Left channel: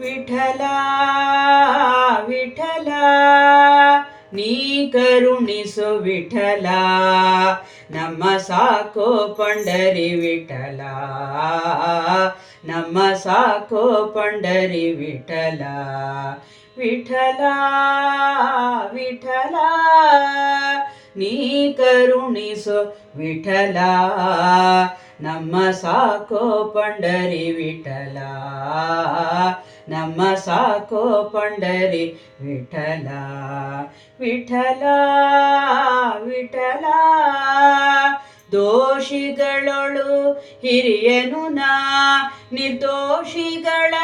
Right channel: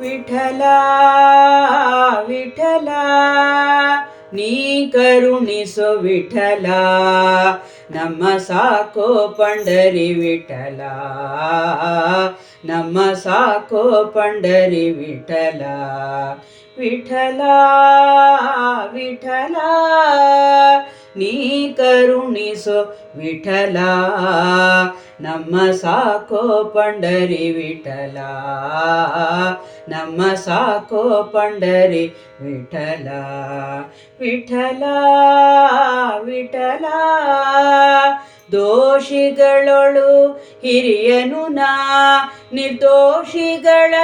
ವಿಠಲ ವಿಠಲ ನೀ ಕರುಣಿಸು ವಿಠಲ ನಮ್ಮ ಸಾಕೋ ಪಂಡರಿ ವಿಠಲ ನಮ್ಮ ಸಾಕೋ ಪಂಡರಿ ವಿಠಲ ವಿಠಲ ವಿಠಲ ನೀ ಕರುಣಿಸೋ ವಿಠಲ. ನಮ್ಮ ಸಾಕೋ ಪಂಡರಿ ವಿಠಲ. ನಮ್ಮ ಸಾಕೋ ಪಂಡರಿ ವಿಠಲ. ವಿಠಲ ವಿಠಲ. ದೋಷಿಗಳೊಳು ಹಿರಿಯನು ನಾ.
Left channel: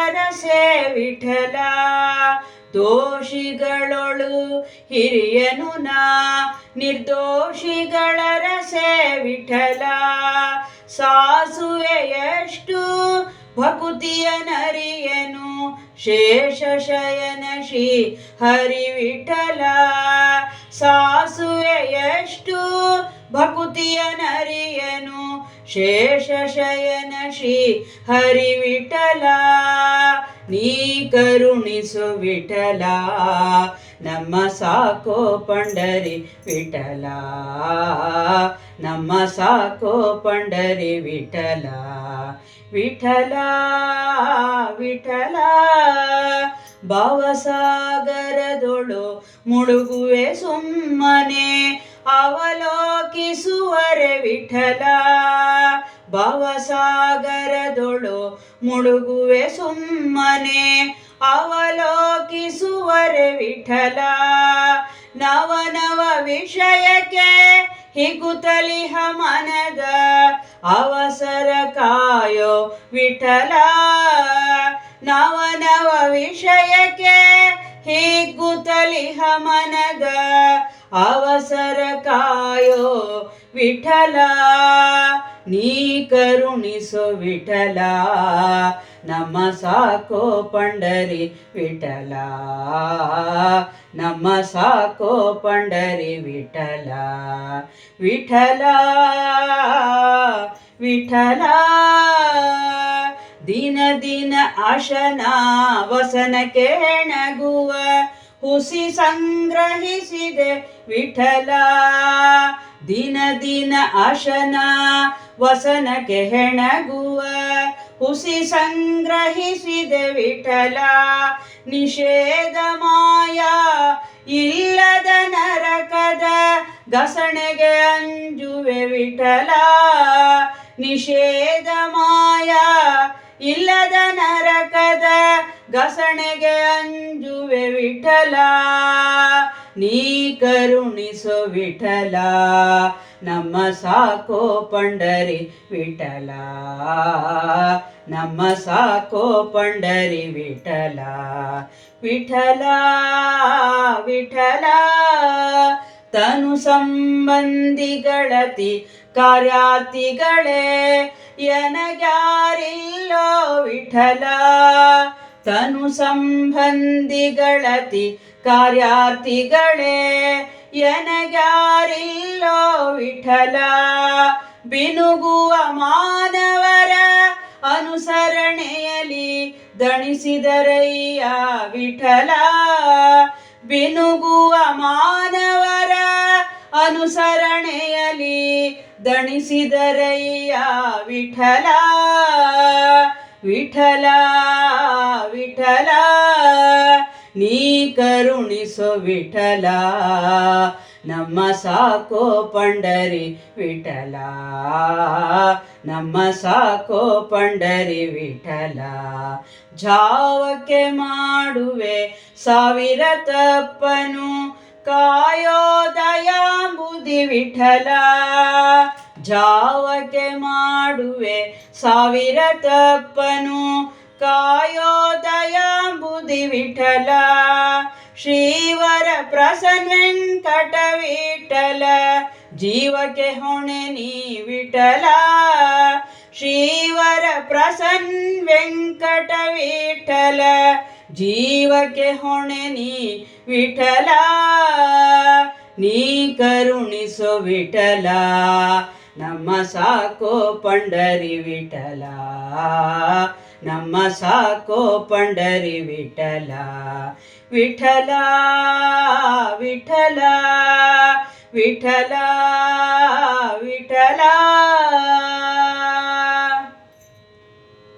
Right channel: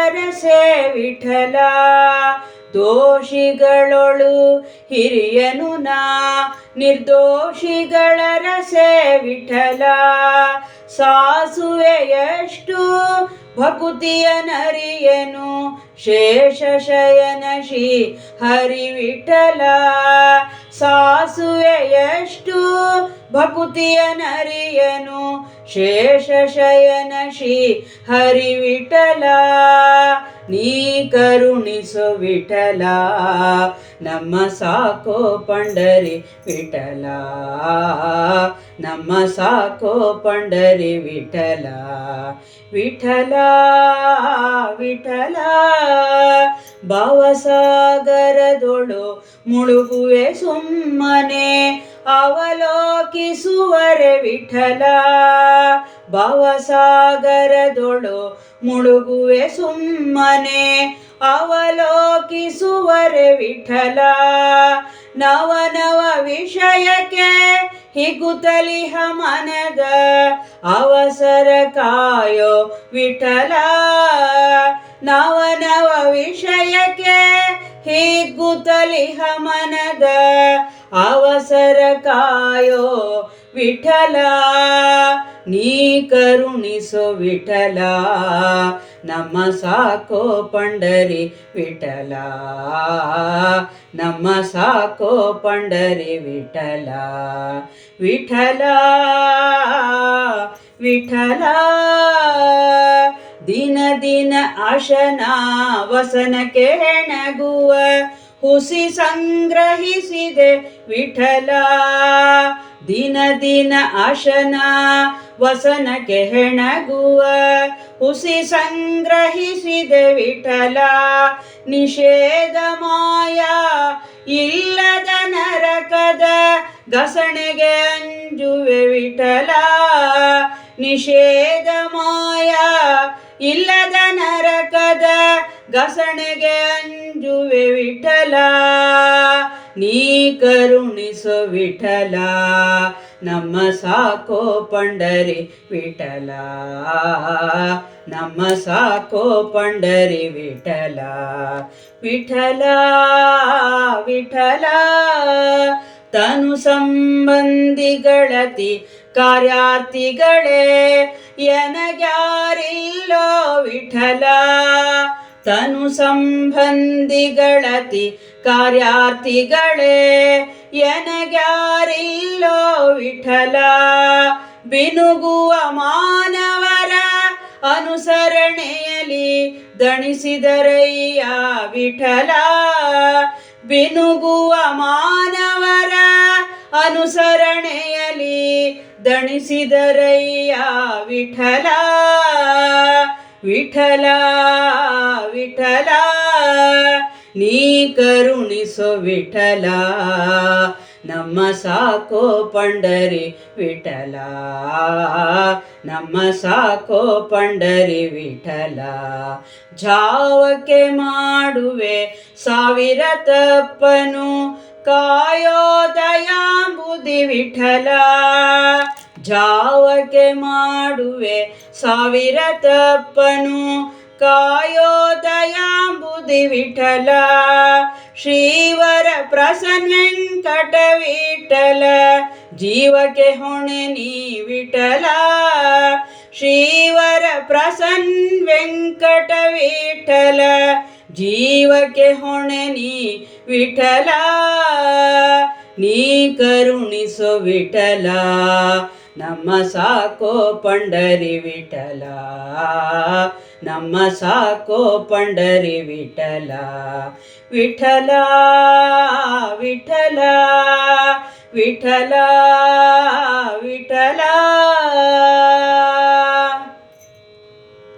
ರಸೆ ವಿಠಲ. ದೋಷಿಗಳೊಳು ಹಿರಿಯನು ನಾ. ನಿರ್ದೋಷಿಗಳ ರಸೆ ವಿಠಲ. ಸಾಸುವೆಯಷ್ಟು ಭಕುತಿಯ ನರಿಯನು, ಶೇಷ ಶಯನ ಶ್ರೀ ಹರಿವಿಠಲ. ಸಾಸುವೆಯಷ್ಟು ಭಕುತಿಯ ನರಿಯನು, ಶೇಷ ಶಯನ ಶ್ರೀ ಹರಿ ವಿಠಲ ನೀ ಕರುಣಿಸು ವಿಠಲ, ನಮ್ಮ ಸಾಕೋ ಪಂಡರಿ ವಿಠಲ, ನಮ್ಮ ಸಾಕೋ ಪಂಡರಿ ವಿಠಲ ವಿಠಲ ವಿಠಲ. ಭಾವಸಾಗರದೊಳು ಮುಳುಗುವೆ ಸುಮ್ಮನೆ, ಅವಲೋಕಿಸುವರೆ ವಿಠಲ. ಭವಸಾಗರದೊಳು ಮುಳುಗುವೆ ಸುಮ್ಮನೆ ಅವಲೋಕಿಸುವರೆ ವಿಠಲ. ನವನವ ವಿಷಯಕ್ಕೆ ಹಿಗುತಲಿಹ ಮನದ ಅವಸರ ಕಾಯೋ ವಿಠಲ. ನವನವ ವಿಷಯಕ್ಕೆ ಹಿಗುತಲಿಹ ಮನದ ಅವಸರ ಕಾಯೋ ವಿಠಲ. ನೀ ಕರುಣಿಸು ವಿಠಲ ನಮ್ಮ ಸಾಕೋ ಪಂಡರಿ ವಿಠಲ. ನಮ್ಮ ಸಾಕೋ ಪಂಡರಿ ವಿಠಲ ವಿಠಲ ವಿಠಲ. ದಿನ ದಿನ ಆಶನ ವಸನ ಕೆಣಗುವ, ಹುಸಿ ಸಂಗ್ರಹಿಸಿದೆ ವಿಠಲ. ದಿನ ದಿನ ಅಶನ ವಸನಕ್ಕೆ ಹೆಣಗುವ, ಹುಸಿ ಸಂಗ್ರಹಿಸಿದೆ ವಿಠಲ. ನಿಷೇಧ ಮಾಯ ಇಲ್ಲದ ನರಕದ ಗಸಣೆಗೆ ಅಂಜುವೆ ವಿಠಲ. ನಿಷೇಧ ಮಾಯ ಇಲ್ಲದ ನರಕದ ಗಸಣೆಗೆ ಅಂಜುವೆ ವಿಠಲ. ನೀ ಕರುಣಿಸು ವಿಠಲ ನಮ್ಮ ಸಾಕೋ ಪಂಡರಿ ವಿಠಲ. ನಮ್ಮ ಸಾಕೋ ಪಂಡರಿ ವಿಠಲ. ವಿಠಲ ವಿಠಲ, ತನು ಸಂಬಂಧಿಗಳತಿ ಕಾರ್ಯಾತಿಗಳೇ, ಎನಗ್ಯಾರಿಲ್ಲೋ ವಿಠಲ. ತನು ಸಂಬಂಧಿಗಳತಿ ಕಾರ್ಯಾರ್ಥಿಗಳೇ, ಎನಗ್ಯಾರಿಲ್ಲೋ ವಿಠಲ. ಬಿನುಗುವ ಮಾನವರ ಅನುಸರಣೆಯಲ್ಲಿ ದಣಿಸಿದರಯ್ಯ ವಿಠಲ. ಬಿನುಗುವ ಮಾನವರ ಅನುಸರಣೆಯಲ್ಲಿ ದಣಿಸಿದರಯ್ಯ ವಿಠಲ. ವಿಠಲ ವಿಠಲ. ನೀ ಕರುಣಿಸೋ ವಿಠಲ, ನಮ್ಮ ಸಾಕೋ ಪಂಡರಿ ವಿಠಲ, ನಮ್ಮ ಸಾಕೋ ಪಂಡರಿ ವಿಠಲ. ಜಾವಕ್ಕೆ ಮಾಡುವೆ ಸಾವಿರ ತಪ್ಪನು ಕಾಯೋ ದಯಾಂಬುದಿ ವಿಠಲ. ಜಾವಕ್ಕೆ ಮಾಡುವೆ ಸಾವಿರ ತಪ್ಪನು ಕಾಯೋ ದಯಾಂಬುದಿ ವಿಠಲ. ಶ್ರೀವರ ಪ್ರಸನ್ನ ವೆಂಕಟ ವಿಠಲ ಜೀವಕ್ಕೆ ಹೊಣೆ ನೀ ವಿಠಲ. ಶ್ರೀವರ ಪ್ರಸನ್ನ ವೆಂಕಟ ವಿಠಲ ಜೀವಕ್ಕೆ ಹೊಣೆ ನೀ ವಿಠಲ. ನೀ ಕರುಣಿಸೋ ವಿಠಲ. ನಮ್ಮ ಸಾಕೋ ಪಂಡರಿ ವಿಠಲ. ನಮ್ಮ ಸಾಕೋ ಪಂಡರಿ ವಿಠಲ ವಿಠಲ ವಿಠಲ ವಿಠಲ.